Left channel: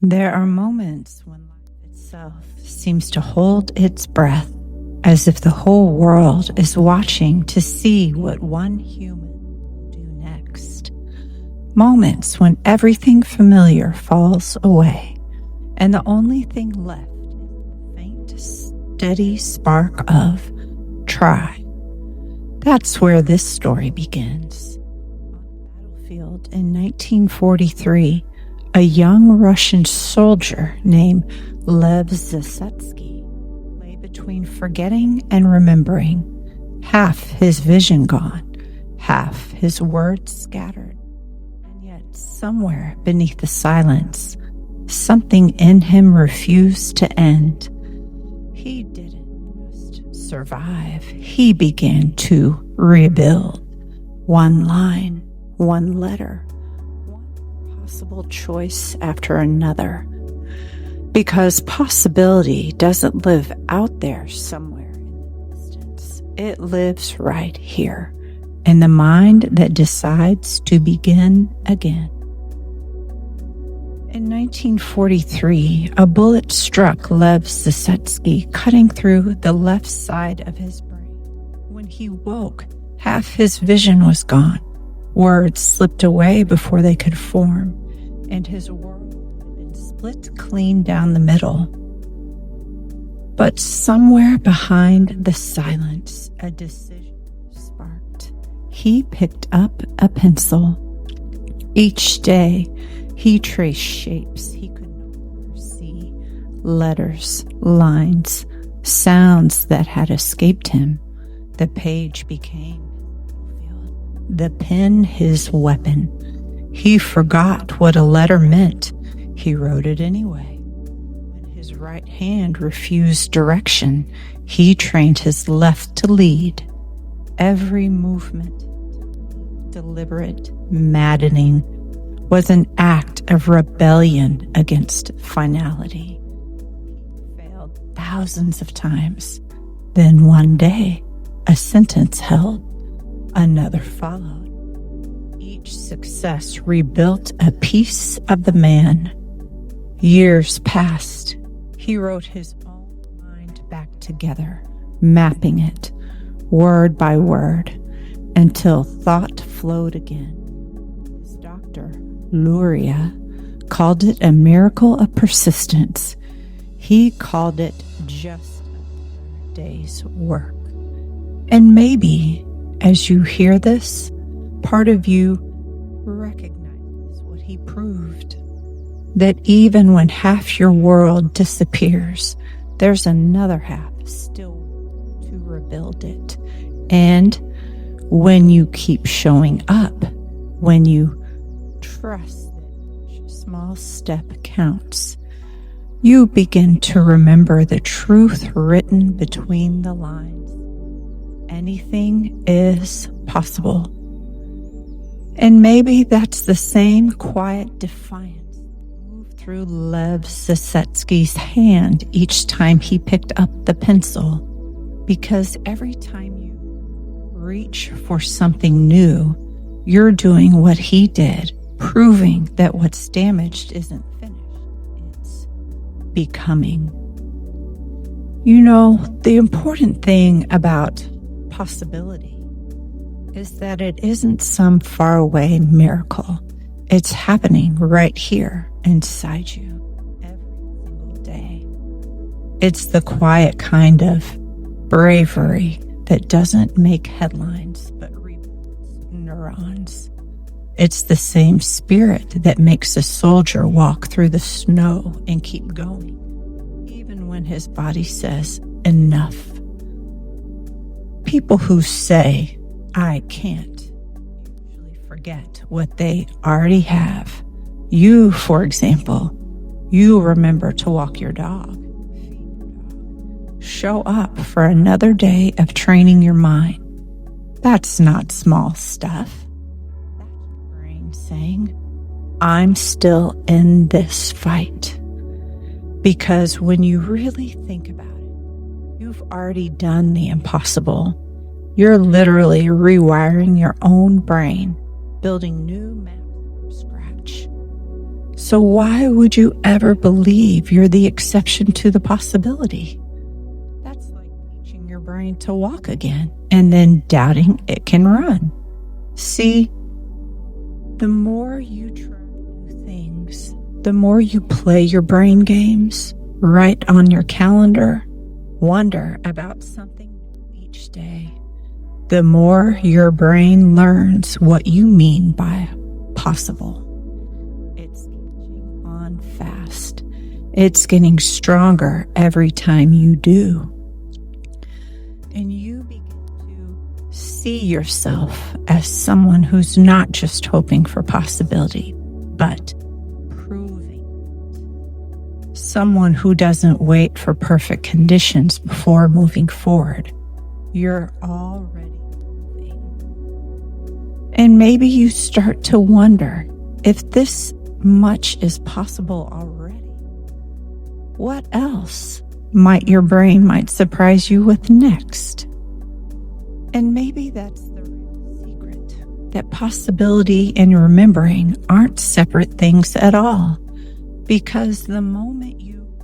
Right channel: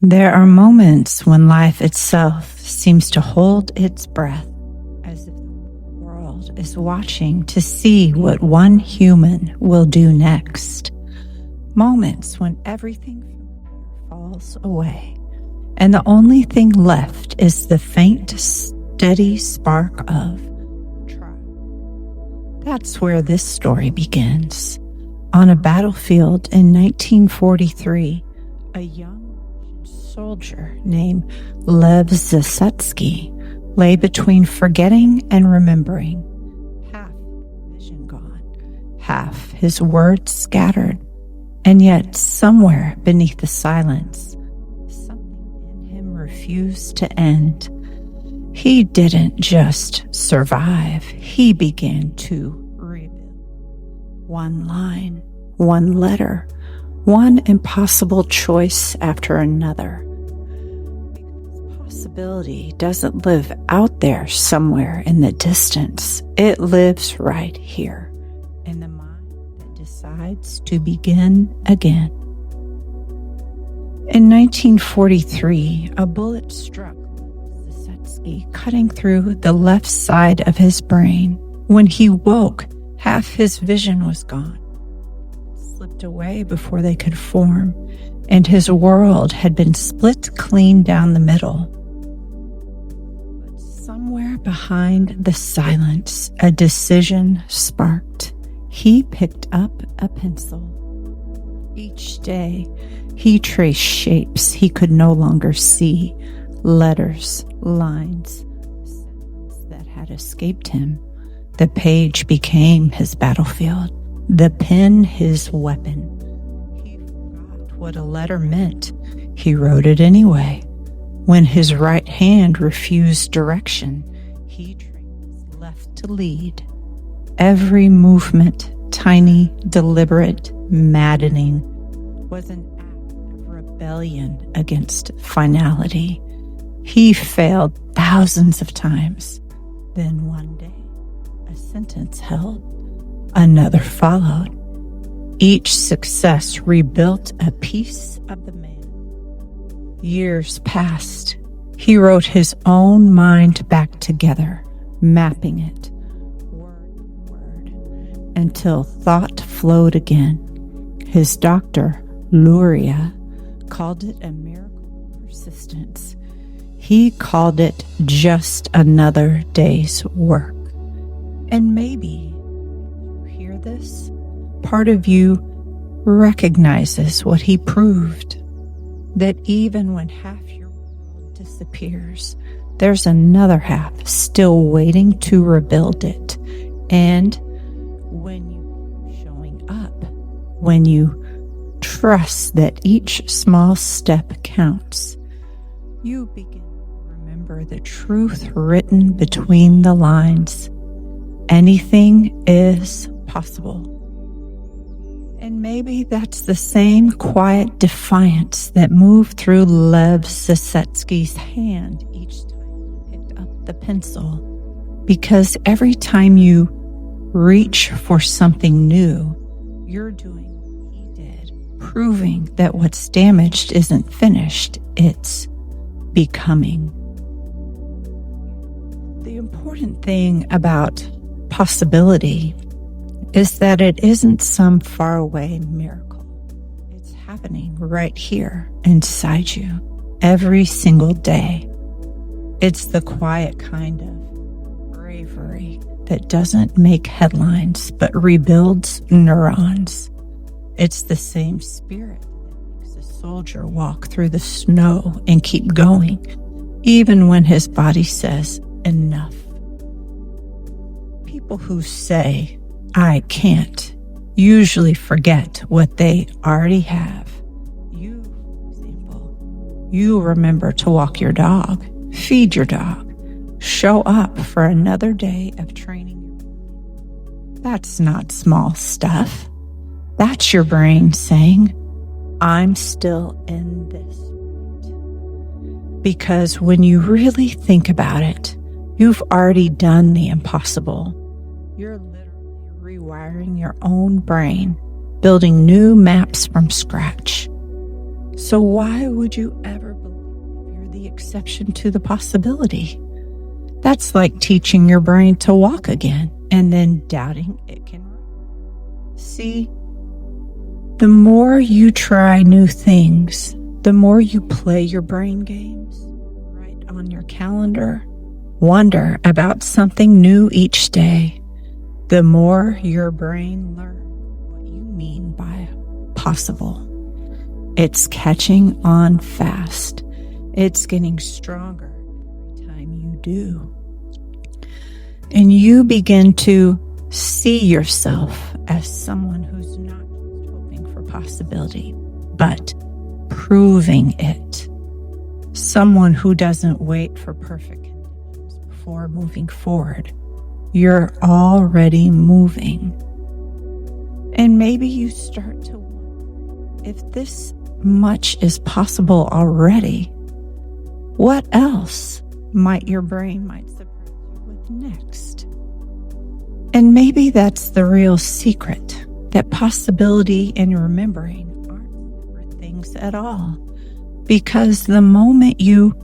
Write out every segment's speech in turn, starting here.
There are moments when life itself seems to hold its breath, as if the whole world is watching to see what one human will do next. Moments when everything familiar falls away, and the only thing left is the faint, steady spark of try. That's where this story begins. On a battlefield in 1943, a young Russian soldier named Lev Zasetsky lay between forgetting and remembering, half his vision gone, half his words scattered. And yet, somewhere beneath the silence, something in him refused to end. He didn't just survive, he began to rebuild. One line, one letter, one impossible choice after another. Because possibility doesn't live out there somewhere in the distance. It lives right here, in the mind that decides to begin again. In 1943, a bullet struck Lev Zasetsky, cutting through the left side of his brain. When he woke, half his vision was gone. Words slipped away before they could form, and his world had been split clean down the middle. But somewhere behind the silence, a decision sparked. He picked up a pencil. Each day, he traced shapes he could no longer see, letters, lines, sounds that had escaped him. The page became his battlefield, the pen his weapon. He forgot what a letter meant. He wrote it anyway. When his right hand refused direction, he trained his left to lead. Every movement, tiny, deliberate, maddening, was an act of rebellion against finality. He failed thousands of times. Then one day, a sentence held. Another followed. Each success rebuilt a piece of the man. Years passed. He wrote his own mind back together, mapping it, word by word, until thought flowed again. His doctor, Luria, called it a miracle of persistence. He called it just another day's work. And maybe, as you hear this, part of you recognizes what he proved. That even when half your world disappears, there's another half still waiting to rebuild it. And when you keep showing up, when you trust that each small step counts, you begin to remember the truth written between the lines. Anything is possible. And maybe that's the same quiet defiance that moved through Lev Zasetsky's hand each time he picked up the pencil. Because every time you reach for something new, you're doing what he did, proving that what's damaged isn't finished, it's becoming. You know, the important thing about possibility is that it isn't some faraway miracle. It's happening right here inside you every single day. It's the quiet kind of bravery that doesn't make headlines but rebuilds neurons. It's the same spirit that makes a soldier walk through the snow and keep going, even when his body says enough. People who say, I can't, usually forget what they already have. You, for example, you remember to walk your dog, feed your dog, show up for another day of training your mind. That's not small stuff. That's your brain saying, I'm still in this fight. Because when you really think about it, you've already done the impossible. You're literally rewiring your own brain, building new maps from scratch. So why would you ever believe you're the exception to the possibility? That's like teaching your brain to walk again and then doubting it can run. See, the more you try new things, the more you play your brain games, write on your calendar, wonder about something new each day, the more your brain learns what you mean by possible. It's catching on fast. It's getting stronger every time you do. And you begin to see yourself as someone who's not just hoping for possibility, but proving it. Someone who doesn't wait for perfect conditions before moving forward. You're already moving. And maybe you start to wonder if this much is possible already. What else might your brain surprise you with next? And maybe that's the real secret, that possibility and remembering aren't separate things at all. Because the moment you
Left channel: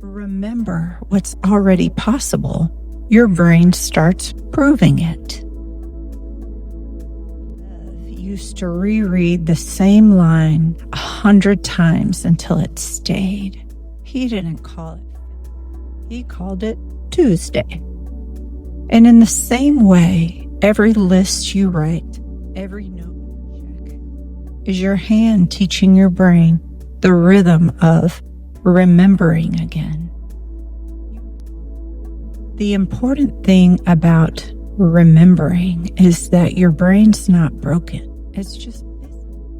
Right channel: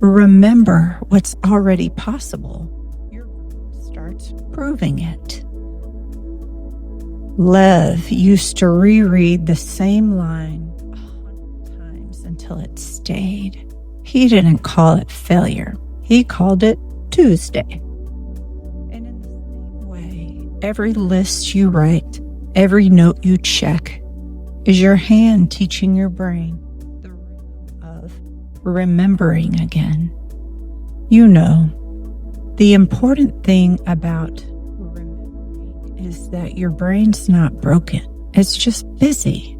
remember what's already possible, your brain starts proving it. Lev used to reread the same line 100 times until it stayed. He didn't call it failure. He called it Tuesday. And in the same way, every list you write, every note you check, is your hand teaching your brain the rhythm of remembering again. You know, the important thing about remembering is that your brain's not broken. It's just busy.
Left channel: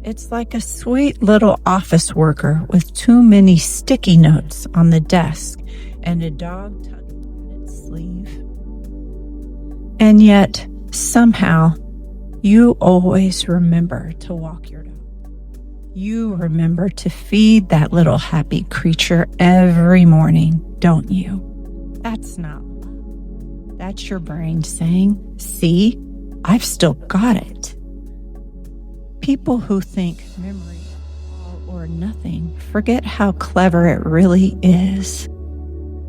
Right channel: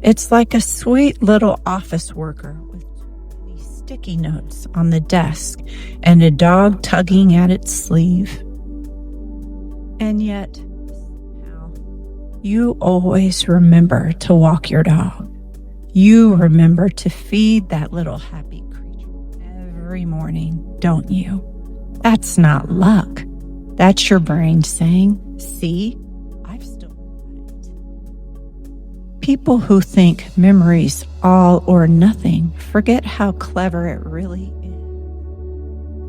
It's like a sweet little office worker with too many sticky notes on the desk and a dog tugging at its sleeve. And yet, somehow, you always remember to walk your dog. You remember to feed that little happy creature every morning, don't you? That's not luck. That's your brain saying, see, I've still got it. People who think memory's all or nothing forget how clever it really is.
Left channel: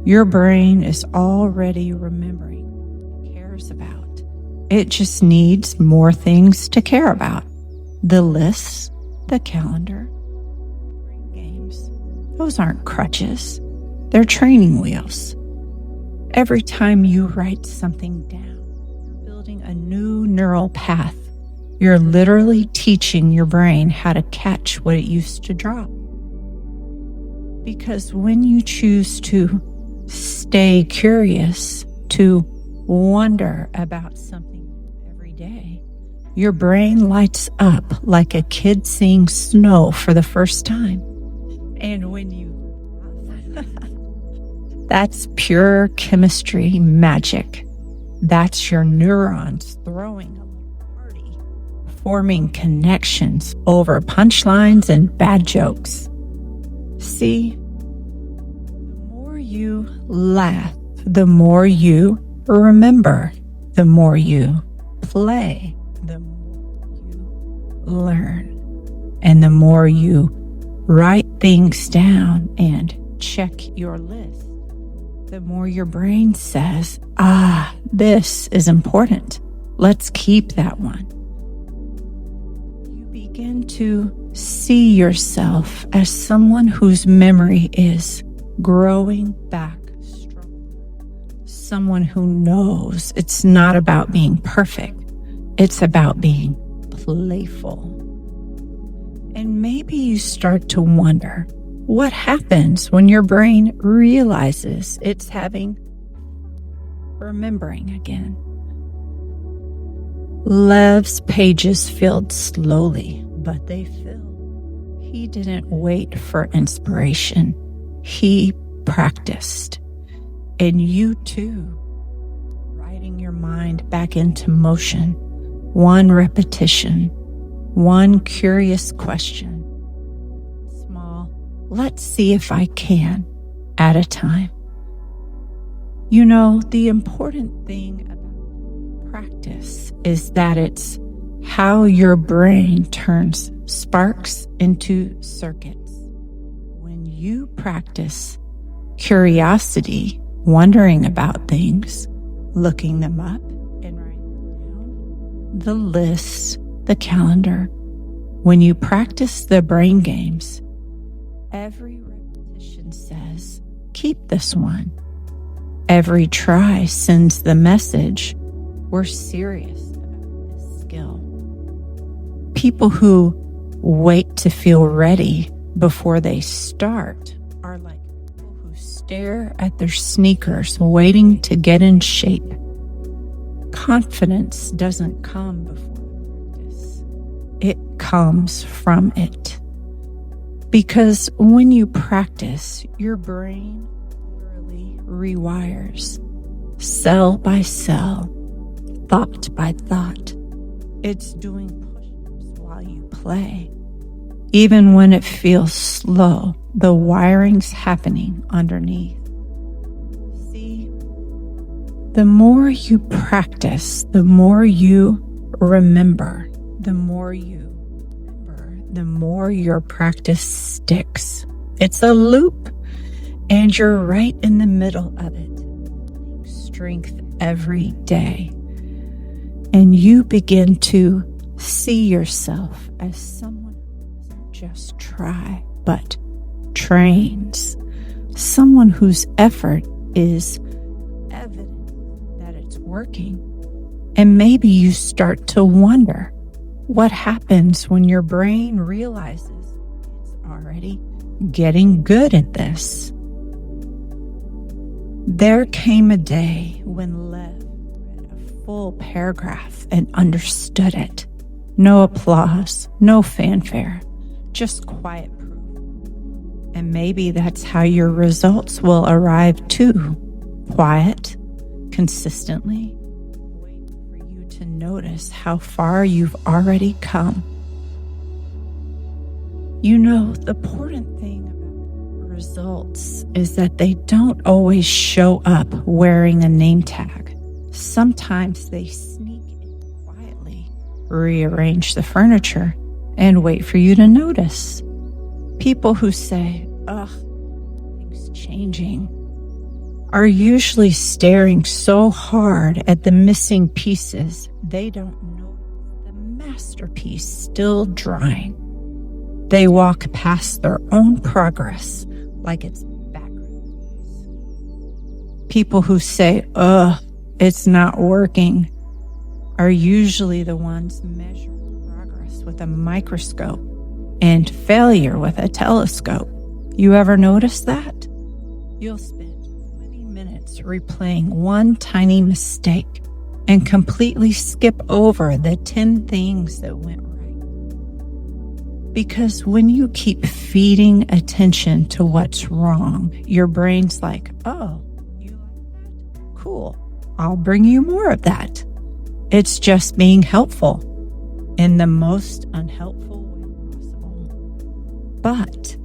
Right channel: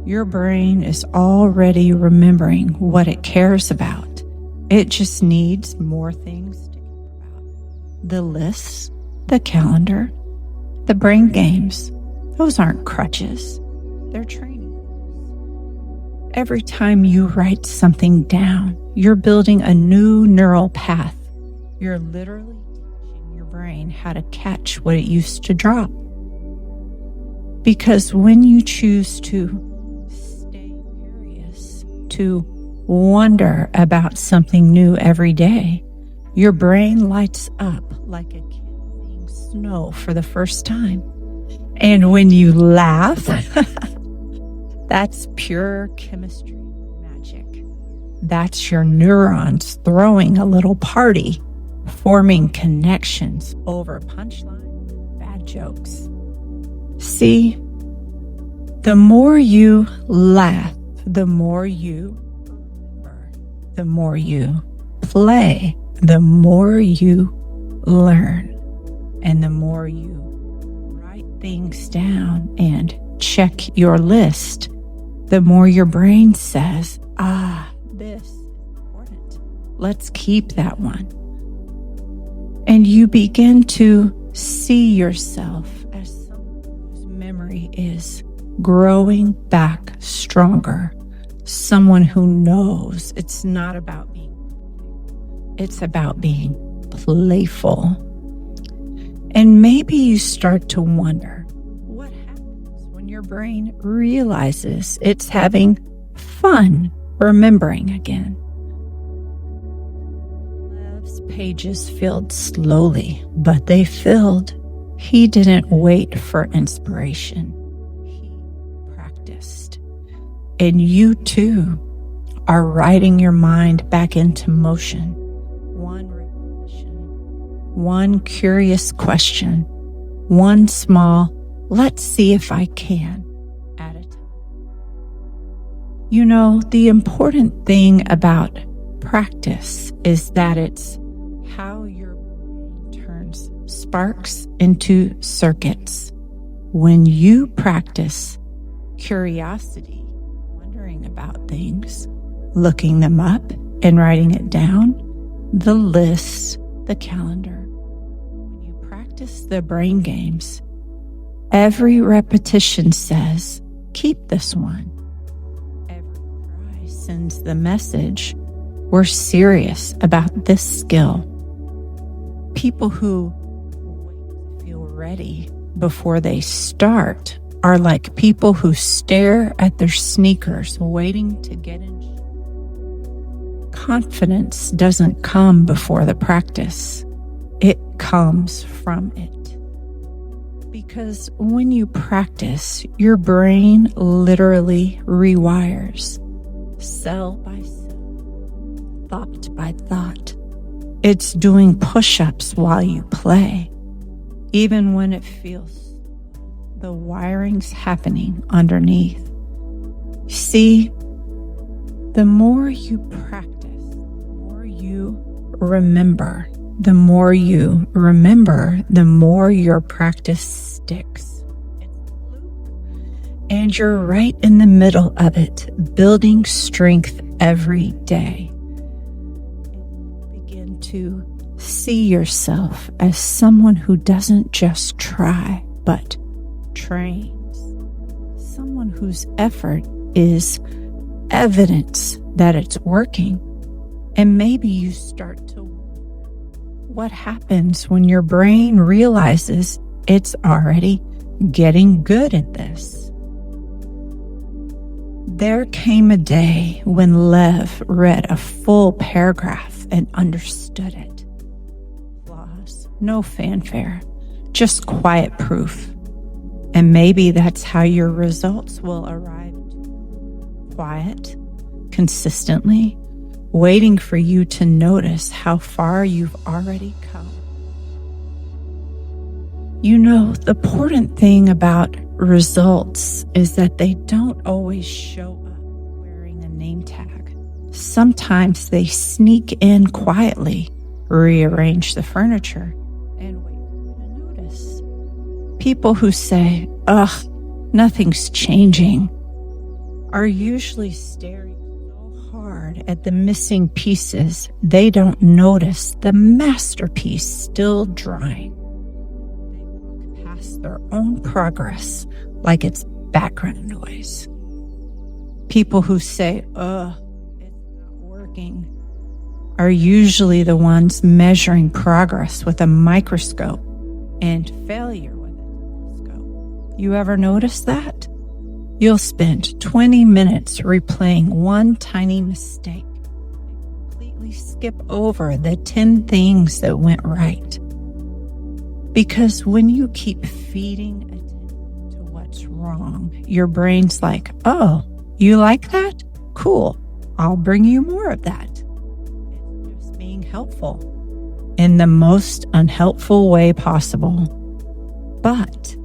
Your brain is already remembering what it cares about. It just needs more things to care about. The lists, the calendar, the brain games, those aren't crutches. They're training wheels. Every time you write something down, you're building a new neural path. You're literally teaching your brain how to catch what it used to drop. Because when you choose to stay curious, to wonder about something new every day, your brain lights up like a kid seeing snow for the first time. And when you laugh, that's pure chemistry magic. That's your neurons throwing a little party, forming connections over punchlines and bad jokes. See, the more you laugh, the more you remember, the more you play, the more you learn, and the more you write things down and check your list, the more your brain says, this is important. Let's keep that one. And you begin to see yourself as someone whose memory is growing back stronger. Someone who knows it's not about being perfect. It's about being playful. And maybe you start to wonder, what happens when your brain realizes it's having fun remembering again? Lev's pages filled slowly, but they filled. He didn't wait for inspiration. He practiced. And you too are writing your mind back into motion. One repetition, one curious question, one small, let's see if I can, at a time. You know, the important thing about practice is that it's how your brain turns sparks into circuits. When you practice curiosity, wondering about things, looking them up and writing it down, the list, the calendar. When you practice the brain games, every repetition says, keep this one. Every try sends the message, we're serious about this skill. People who wait to feel ready before they start are like people who stare at their sneakers waiting to get in shape. Confidence doesn't come before the practice. It comes from it. Because when you practice, your brain literally rewires, cell by cell, thought by thought. It's doing push-ups while you play. Even when it feels slow, the wiring's happening underneath. See, the more you practice, the more you remember. The more you remember, the more your practice sticks. It's a loop, and you're right in the middle of it, building strength every day. And you begin to see yourself as someone who doesn't just try, but trains. Someone whose effort is evidence that it's working. And maybe you start to wonder what happens when your brain realizes it's already getting good at this. There came a day when Lev read a full paragraph and understood it. No applause, no fanfare, just quiet proof. And maybe that's how your results will arrive too. Quiet, consistently, waiting for you to notice how far you've already come. You know, the important thing about results is that they don't always show up wearing a name tag. Sometimes they sneak in quietly, rearrange the furniture, and wait for you to notice. People who say, ugh, nothing's changing, are usually staring so hard at the missing pieces they don't notice the masterpiece still drying. They walk past their own progress like it's background noise. People who say, ugh, it's not working, are usually the ones measuring progress with a microscope and failure with a telescope. You ever notice that? You'll spend 20 minutes replaying one tiny mistake and completely skip over the 10 things that went right. Because when you keep feeding attention to what's wrong, your brain's like, oh, you like that? Cool. I'll bring you more of that. It's just being helpful in the most unhelpful way possible. But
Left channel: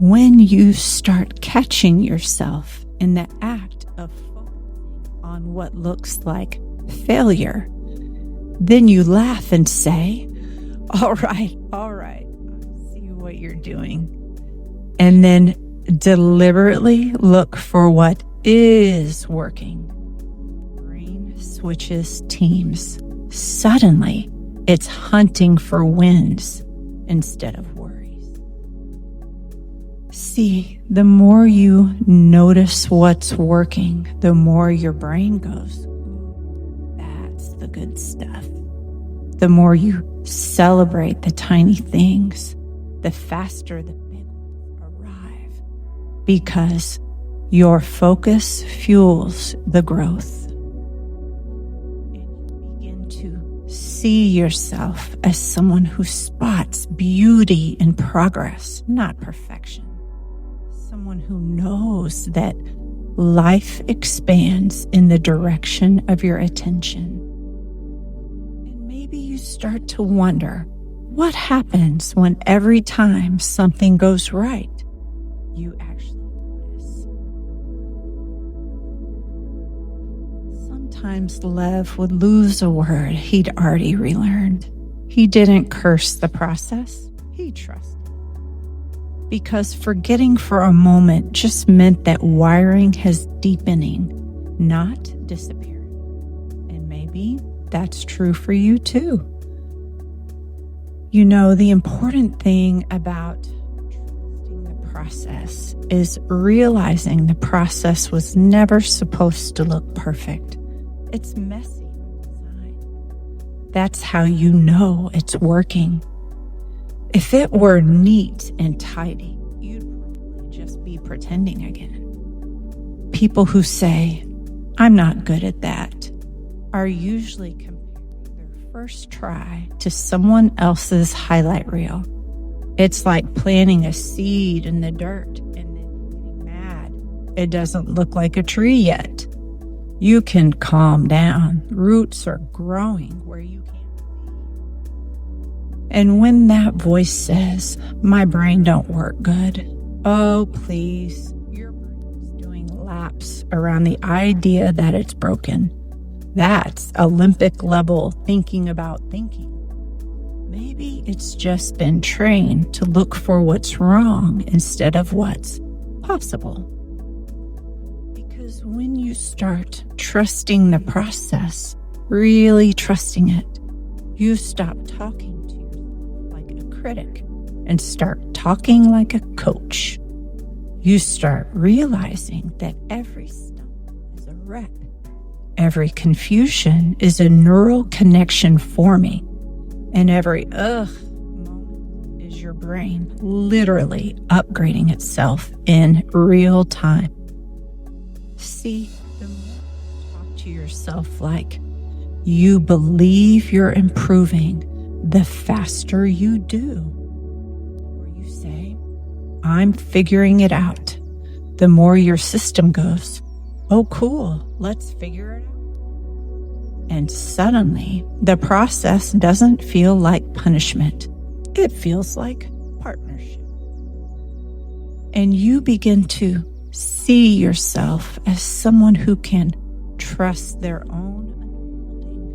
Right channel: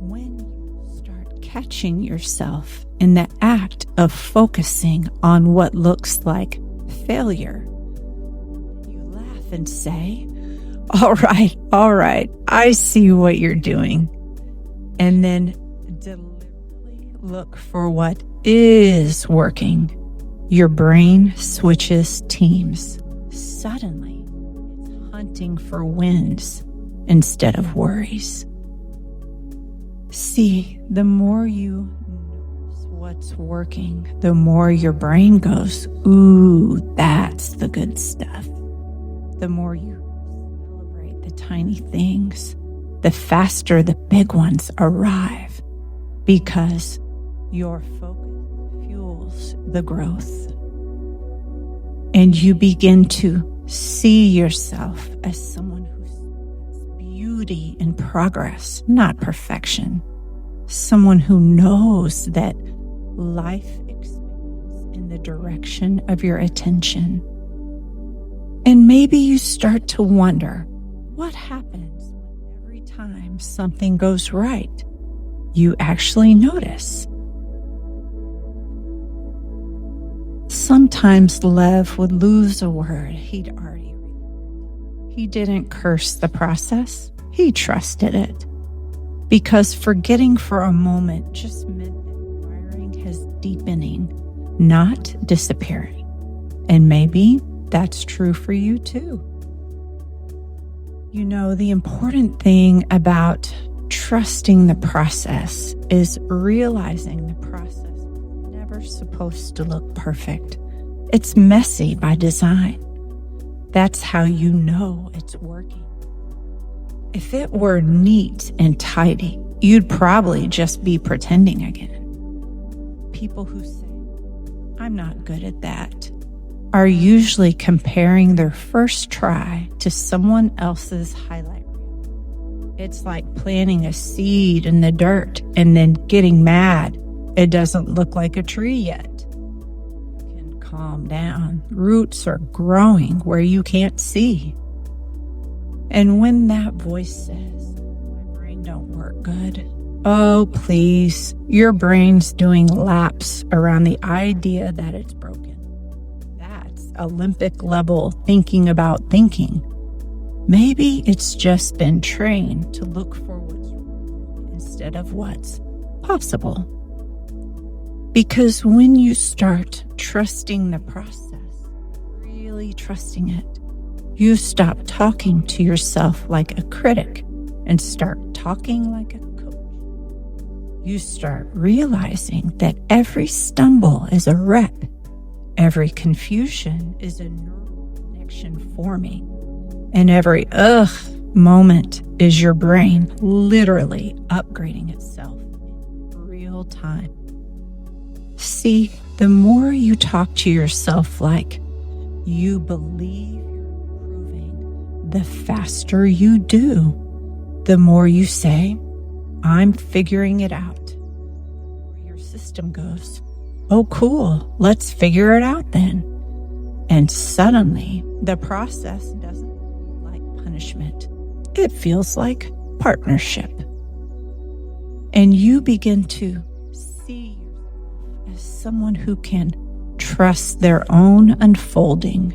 when you start catching yourself in the act of focusing on what looks like failure, then you laugh and say, all right, I see what you're doing. And then deliberately look for what is working. Your brain switches teams. Suddenly, it's hunting for wins instead of worries. See, the more you notice what's working, the more your brain goes, ooh, that's the good stuff. The more you celebrate the tiny things, the faster the big ones arrive, because your focus fuels the growth. And you begin to see yourself as someone who spots beauty in progress, not perfection. Someone who knows that life expands in the direction of your attention. And maybe you start to wonder, what happens when every time something goes right, you actually notice? Sometimes Lev would lose a word he'd already relearned. He didn't curse the process. He trusted it. Because forgetting for a moment just meant that wiring is deepening, not disappearing. And maybe that's true for you too. You know, the important thing about trusting the process is realizing the process was never supposed to look perfect. It's messy by design. That's how you know it's working. If it were neat and tidy, you'd probably just be pretending again. People who say, "I'm not good at that," are usually comparing their first try to someone else's highlight reel. It's like planting a seed in the dirt and then getting mad it doesn't look like a tree yet. You can calm down. Roots are growing where you can't see. And when that voice says, "My brain don't work good," oh, please, your brain's doing laps around the idea that it's broken. That's Olympic level thinking about thinking. Maybe it's just been trained to look for what's wrong instead of what's possible. Because when you start trusting the process, really trusting it, you stop talking to yourself like a critic and start talking like a coach. You start realizing that every stumble is a rep. Every confusion is a neural connection forming. And every moment is your brain literally upgrading itself in real time. See, the more you talk to yourself like you believe you're improving, the faster you do. The more you say, "I'm figuring it out," the more your system goes, "Oh, cool, let's figure it out then." And suddenly, the process doesn't feel like punishment. It feels like partnership. And you begin to see yourself as someone who can trust their own unfolding,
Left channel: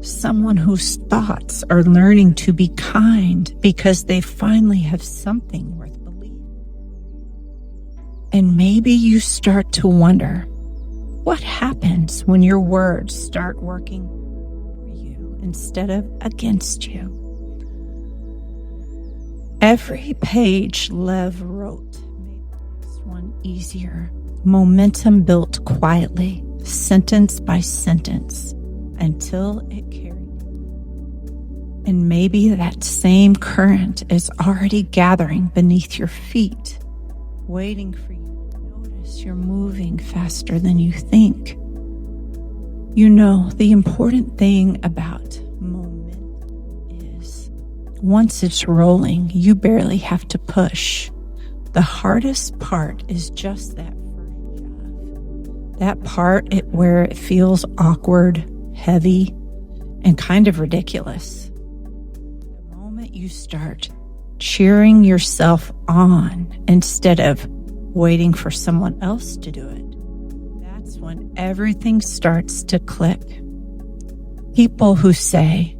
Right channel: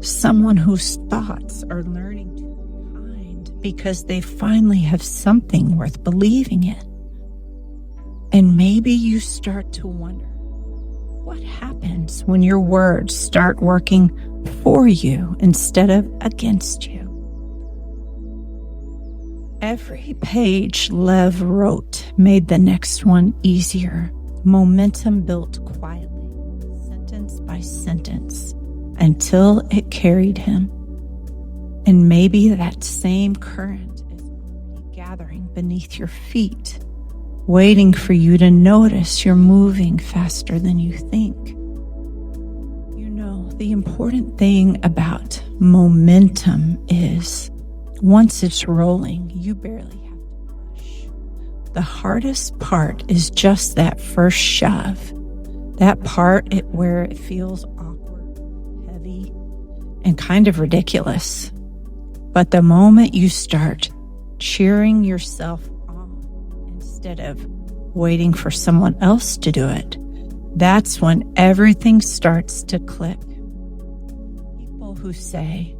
someone whose thoughts are learning to be kind because they finally have something worth believing in. And maybe you start to wonder, what happens when your words start working for you instead of against you? Every page Lev wrote made the next one easier. Momentum built quietly, sentence by sentence, until it carried him. And maybe that same current is already gathering beneath your feet, waiting for you to notice you're moving faster than you think. You know, the important thing about momentum is once it's rolling, you barely have to push. The hardest part is just that first shove. That part where it feels awkward, heavy, and kind of ridiculous. But the moment you start cheering yourself on instead of waiting for someone else to do it, that's when everything starts to click. People who say,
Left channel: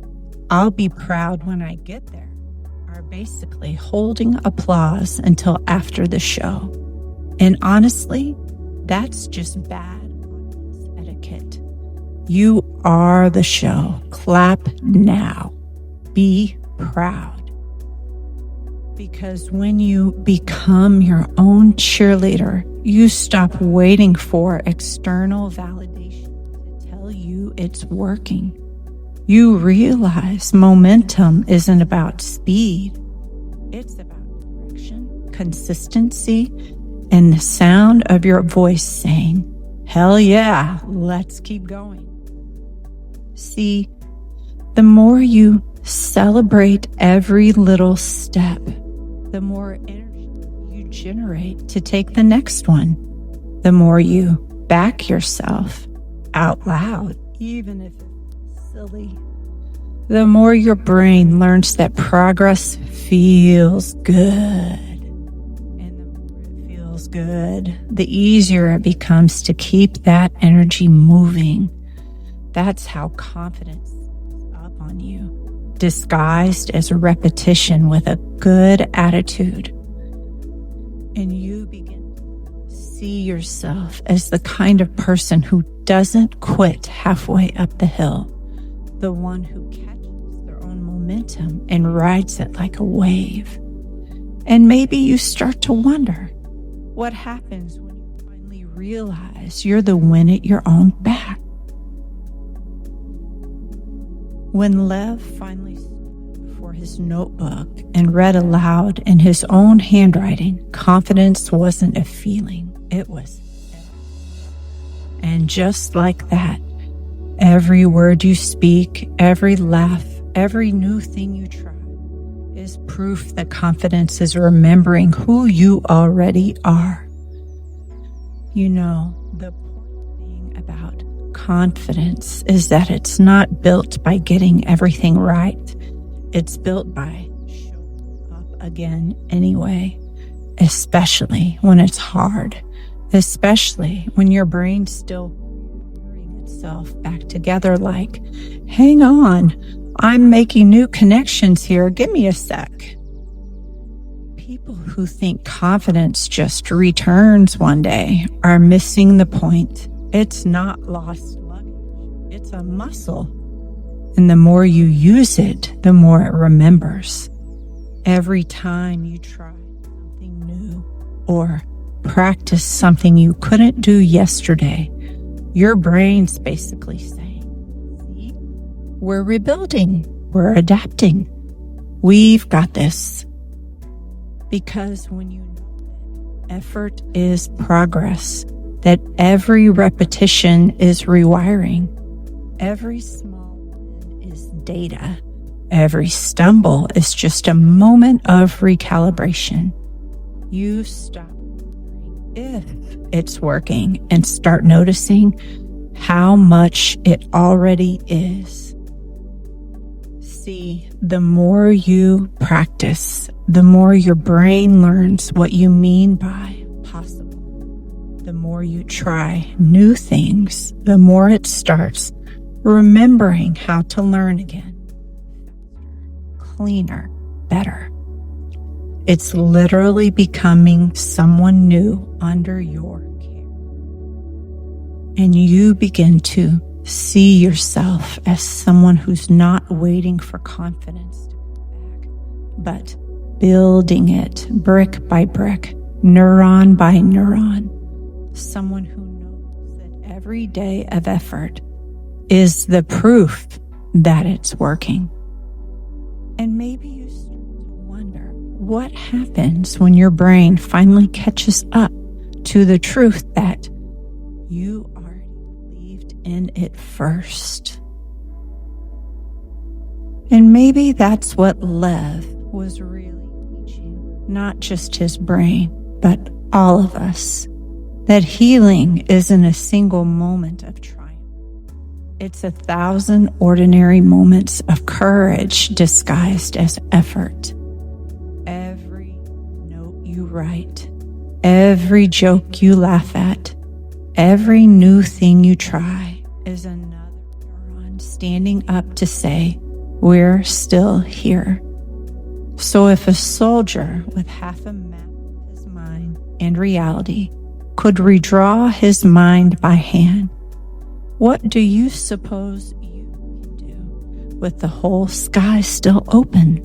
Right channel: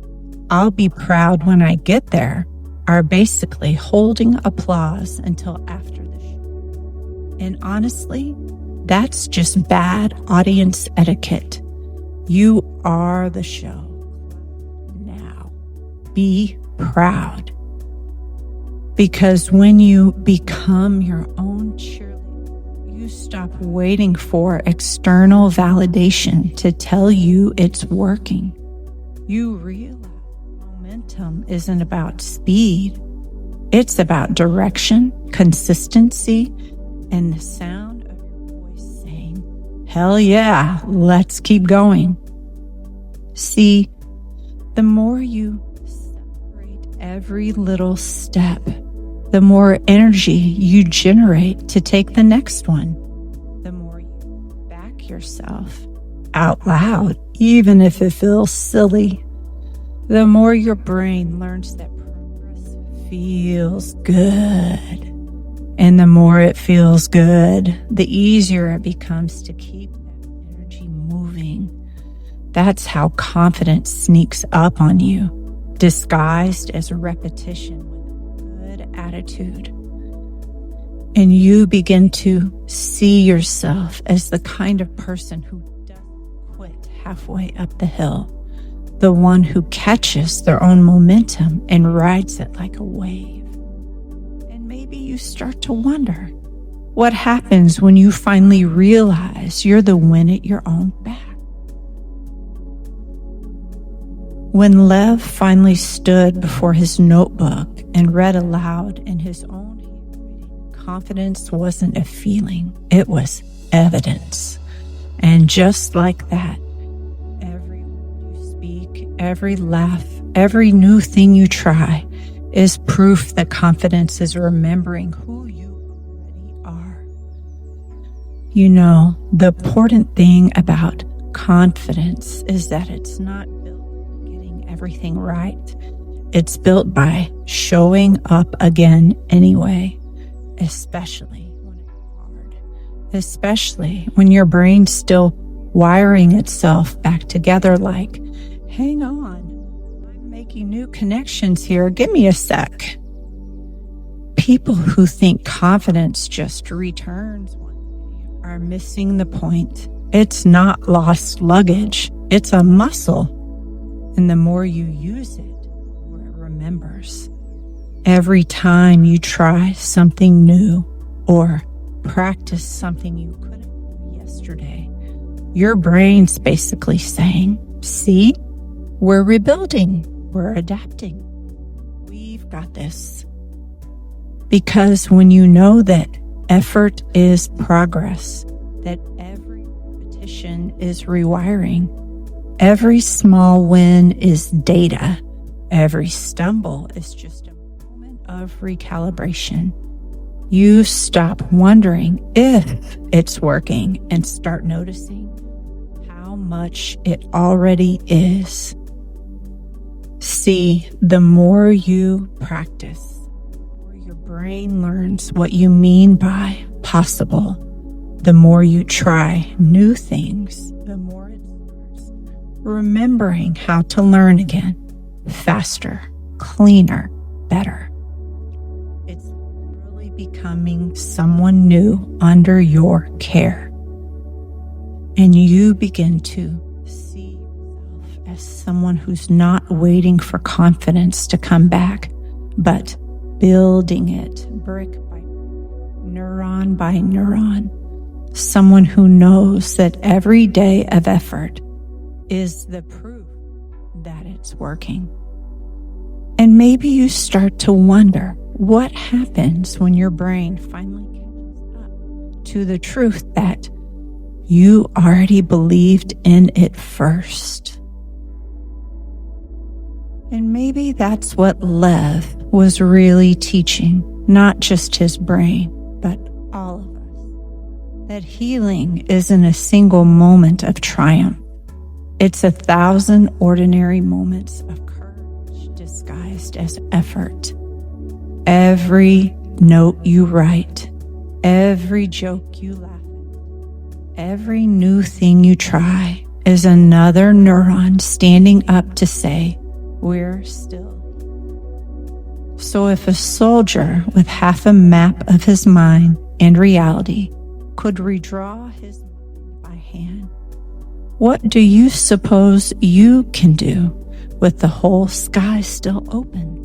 "I'll be proud when I get there," are basically holding applause until after the show. And honestly, that's just bad audience etiquette. You are the show. Clap now. Be proud. Because when you become your own cheerleader, you stop waiting for external validation to tell you it's working. You realize momentum isn't about speed. It's about direction, consistency, and the sound of your voice saying, "Hell yeah, let's keep going." See, the more you celebrate every little step, the more energy you generate to take the next one. The more you back yourself out loud, even if it feels silly, the more your brain learns that progress feels good. And the more it feels good, the easier it becomes to keep that energy moving. That's how confidence sneaks up on you. disguised as repetition with a good attitude. And you begin to see yourself as the kind of person who doesn't quit halfway up the hill, the one who catches their own momentum and rides it like a wave. And maybe you start to wonder what happens when you finally realize you're the wind at your own back. When Lev finally stood before his notebook and read aloud in his own handwriting, confidence wasn't a feeling, it was evidence. And just like that, every word you speak, every laugh, every new thing you try is proof that confidence is remembering who you already are. You know, the important thing about confidence is that it's not built by getting everything right. It's built by showing up again anyway, especially when it's hard, especially when your brain's still wiring itself back together like, hang on, I'm making new connections here, give me a sec. People who think confidence just returns one day are missing the point. It's not lost luggage, it's a muscle. And the more you use it, the more it remembers. Every time you try something new or practice something you couldn't do yesterday, your brain's basically saying, see, we're rebuilding, we're adapting, we've got this. Because when you know that effort is progress, that every repetition is rewiring, every small win is data, every stumble is just a moment of recalibration, you stop wondering if it's working and start noticing how much it already is. See, the more you practice, the more your brain learns what you mean by possible. The more you try new things, the more it starts remembering how to learn again, faster, cleaner, better. It's literally becoming someone new under your care. And you begin to see yourself as someone who's not waiting for confidence to come back, but building it brick by brick, neuron by neuron. Someone who knows that every day of effort is the proof that it's working. And maybe you start to wonder what happens when your brain finally catches up to the truth that you already believed in it first. And maybe that's what Lev was really teaching, not just his brain, but all of us. That healing isn't a single moment of triumph. It's 1,000 ordinary moments of courage disguised as effort. Every note you write, every joke you laugh at, every new thing you try is another neuron standing up to say, we're still here. So if a soldier with half a map of his mind and reality could redraw his mind by hand, what do you suppose you can do with the whole sky still open?